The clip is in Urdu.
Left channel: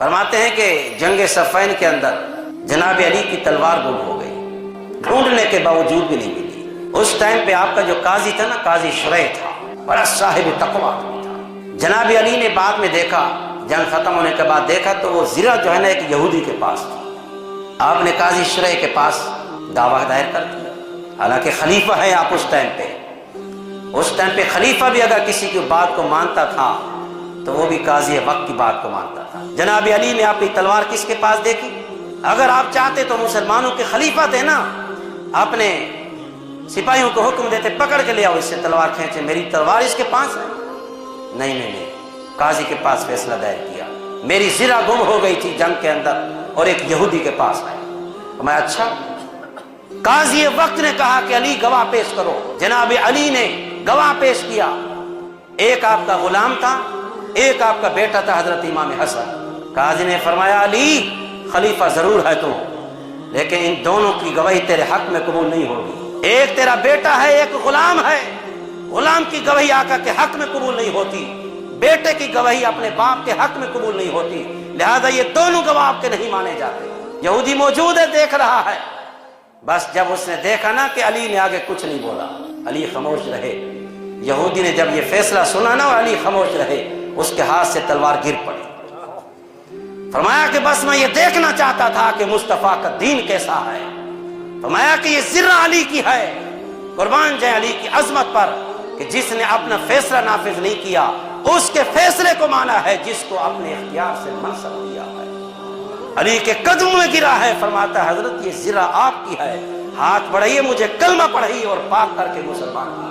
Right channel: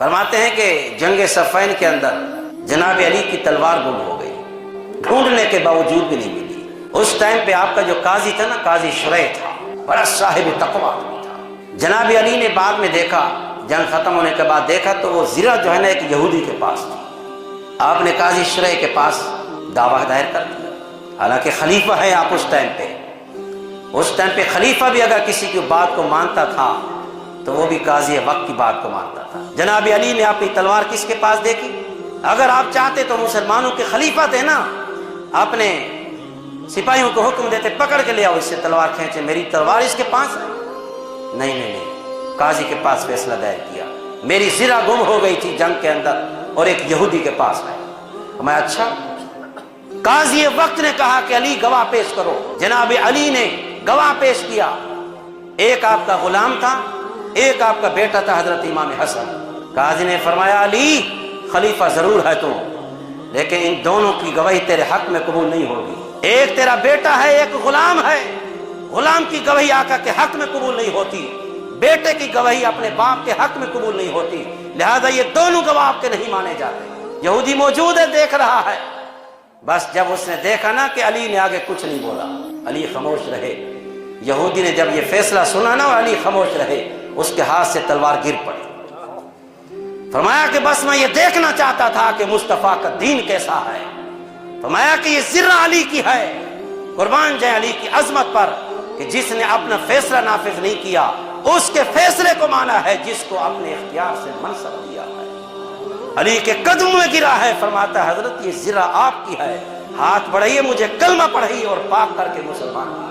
فرماتے ہیں کہ جنگ صفین کے اندر جناب علی کی تلوار گم ہو گئی، ڈھونڈنے کے باوجود بھی نہیں ملی۔ اس ٹائم پہ آپ کا جو قاضی تھا نا، قاضی شریح تھا، بڑا صاحب تقویٰ تھا۔ جناب علی نے بعد میں دیکھا، جنگ ختم ہونے کے بعد دیکھا تو وہ زرہ جو ہے نا ایک یہودی کے پاس تھا۔ آپ نے قاضی شریح کے پاس دعویٰ دائر کر دیا، حالانکہ خلیفہ ہے آپ اس ٹائم پہ خلیفہ بھی اگر کسی کی بات کو مانتا تھا تو وہ بھی قاضی وقت کی بات کو مانتا تھا۔ جناب علی نے اپنی تلوار کس کے پاس دیکھی؟ اگر آپ چاہتے تو مسلمانوں کے خلیفہ تھے نا، اپنے سپاہیوں کو حکم دیتے پکڑ کے لے آؤ، اس سے تلوار کھینچے، میری تلوار اس کے پاس ہے۔ نہیں، قاضی کے پاس فیصلہ دائر کیا، میری زرہ گم ہو گئی تھی جنگ کے اندر اور ایک یہودی کے پاس ہے۔ میں اچھا، قاضی وقت نے کہا کہ علی گواہ پیش کرو۔ جناب علی نے گواہ پیش کیا، ایک آپ کا غلام تھا، ایک آپ کا بیٹا تھا حضرت امام حسن۔ قاضی نے فرمایا علی خلیفہ ضرور ہے تو، لیکن ان دونوں کی گواہی تیرے حق میں قبول نہیں ہوگی۔ ایک تیرا بیٹا ہے، ایک غلام ہے، غلام کی گواہی آقا کے حق میں قبول نہیں ہوتی، بیٹے کی گواہی اپنے باپ کے حق میں قبول نہیں ہوتی، لہذا یہ دونوں گواہ آپ کے نہیں مانے جاتے۔ یہودی موجود ہے، دیکھ رہا ہے۔ بس جب اس نے دیکھا نا کہ علی نے آگے کچھ نہیں بولا، علی خاموش رہے۔ یہودی نے جب یہ فیصلہ سنا نا اور علی خاموش رہے، اس کے ہاتھ سے تلوار گر پڑی۔ فرمایا کہ بس میں یہ دیکھنا چاہتا تھا کہ مصطفیٰ کا دین کیسا ہے۔ فرمایا کہ یہ زرہ علی کی ہے، قربان جائے علی کی عظمت پر کہ جس نے اپنا فیصلہ نافذ نہیں کیا اس کے فیصلے کو مانا ہے جس کو اپنے اختیار سے منصب دیا ہے۔ علی کے قدم میں گرا ہے، فرماتا ہے حضرت یہ زرہ آپ کی ہے، ہاتھ بڑھائیے، مجھے کلمہ پڑھائیے اور پاک کر کے مسلمان